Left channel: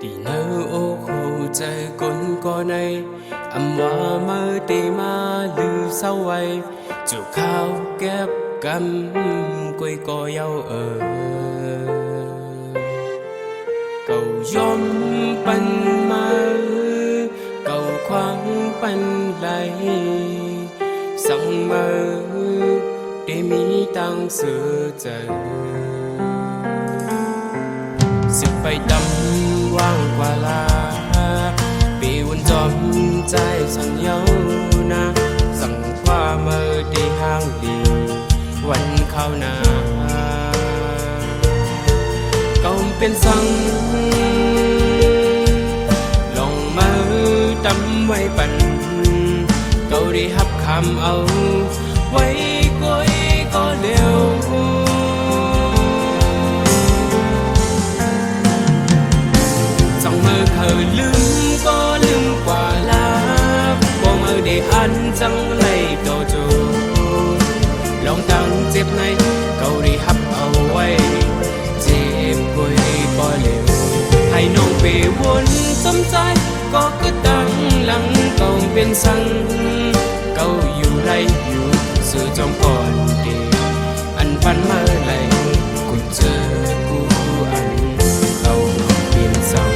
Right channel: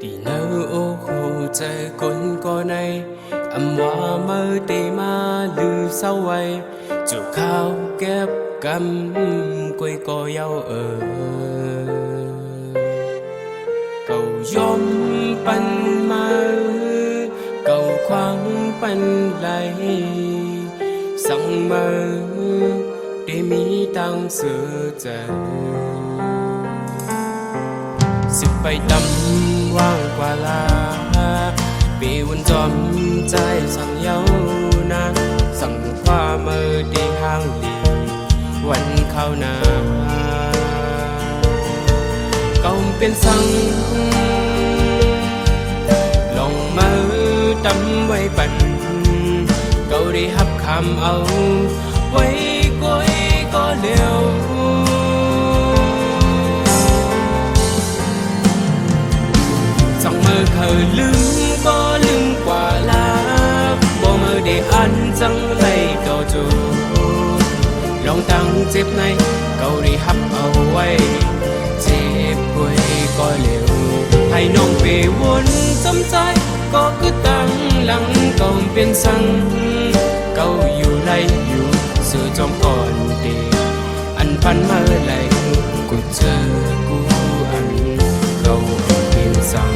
Thì nỡ ô hồ trời con có này âm hoa mơ tê ma lư sau quay chiều khao kép cắm quay co nhau ở cầu gió pan ma cầu khoáng pan lại sang mơ để mi tăng sửa trờiสึกไปดำว่างกว่าลาปีวันจอมใจสั่งเย้านะสั่งความเมื่อดีห้างลีวันเข้านาเก่าเป็นสั่งลงมือดำไว้ปั่นเก่าได้หับคำเอาไว้ก้อยก็เร็วสั่งมือเคยลืมก็ลืมกว่าลาบ่มือได้อันจังไล่ต่อจูลองตั้งเจ็บในเก่าได้หับเอาไว้เจ็บกวยก็เร็วให้น้องไปวนสมใจก็คือตั้งหลังเก่าเป็นสั่งเก่าอยู่ไล่อยู่สื่อจอมก่อนเด็กอันปันเมื่อไหร่กูเจอกูอันเก่าเป็นสั่ง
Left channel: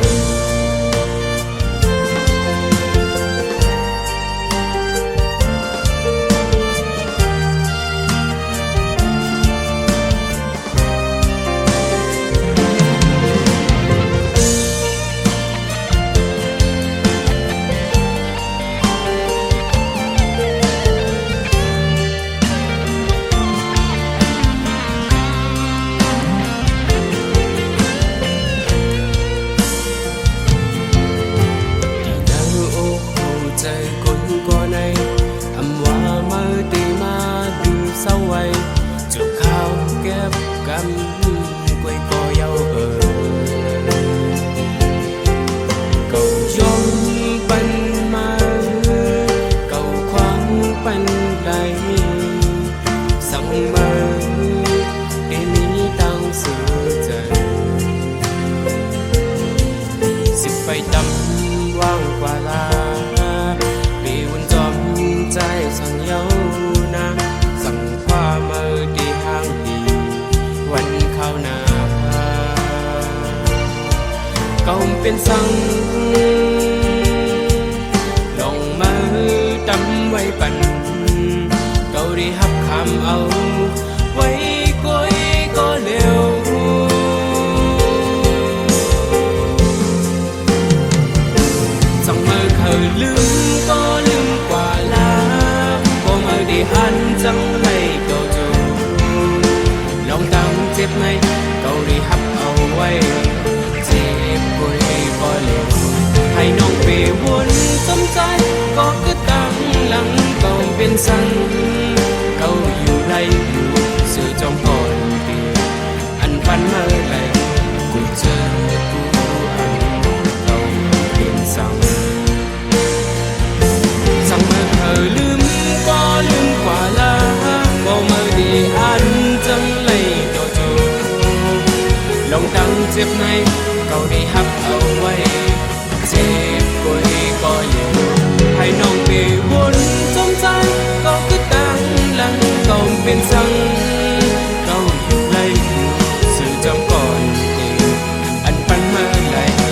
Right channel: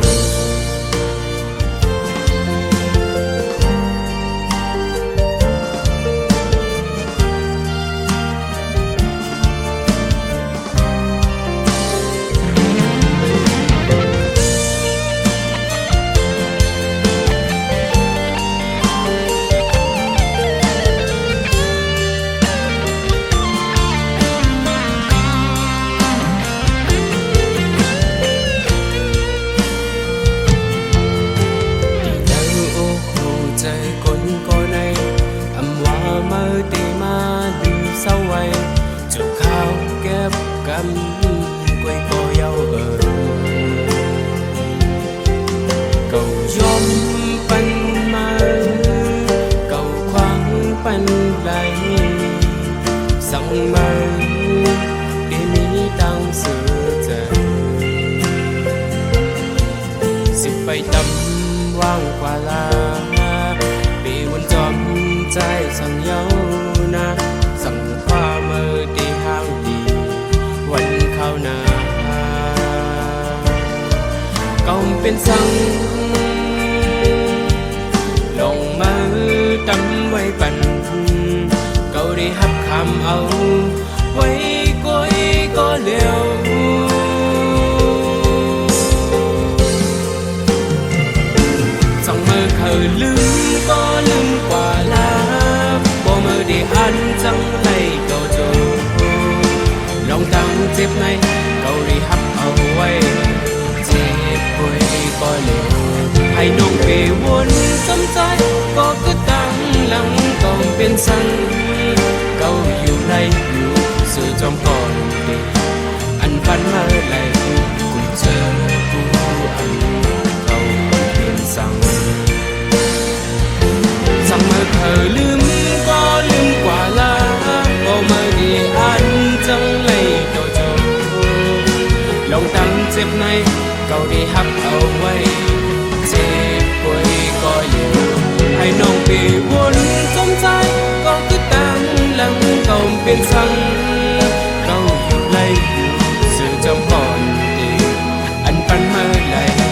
ใจคนก็ในอำว่าเมื่อตีมาลือเศร้าไว้จุกข้าวเก็บกำกวยก็เย้าเก่ายอมปันมาเก่าควางปันไหลสั่งมาได้มีตังเสือใจสิไปดำว่างกว่าลาปีวันจอมใจสั่งเย้านะสั่งความเมื่อดีห้างดีวันเข้านาเก่าเป็นสั่งลงมือดำไว้ปั่นเก่าได้หับคำเอาไว้ก้อยก็เร็วสั่งเมื่อเคยลืมก็ลืมกว่าลาบ่เมื่อได้อันจังไล่ต่อจูลองตั้งเจ็บในเก่าได้หับเอาไว้เจ็บกวยก็เร็วให้น้องไปวนสมใจก็คือตั้งหลังเก่าเป็นสั่งเก่าอยู่ไล่อยู่สื่อจอมก่อนเด็กอันปันเมื่อไหร่กูเจอกูอันเก่าเป็นสั่งสั่งเมื่อเคยลืมก็ลืมกว่าลาบ่เมื่อดีอันจังไล่ต่อจูลองตั้งเจ็บในเก่าได้หับเอาไว้เจ็บกวยก็เร็วให้น้องไปวนสมใจก็คือตั้งหลังเก่าเป็นสั่งเก่าอยู่ไล่อยู่สื่อจำก่อนเด็กอันปันเมื่อไหร่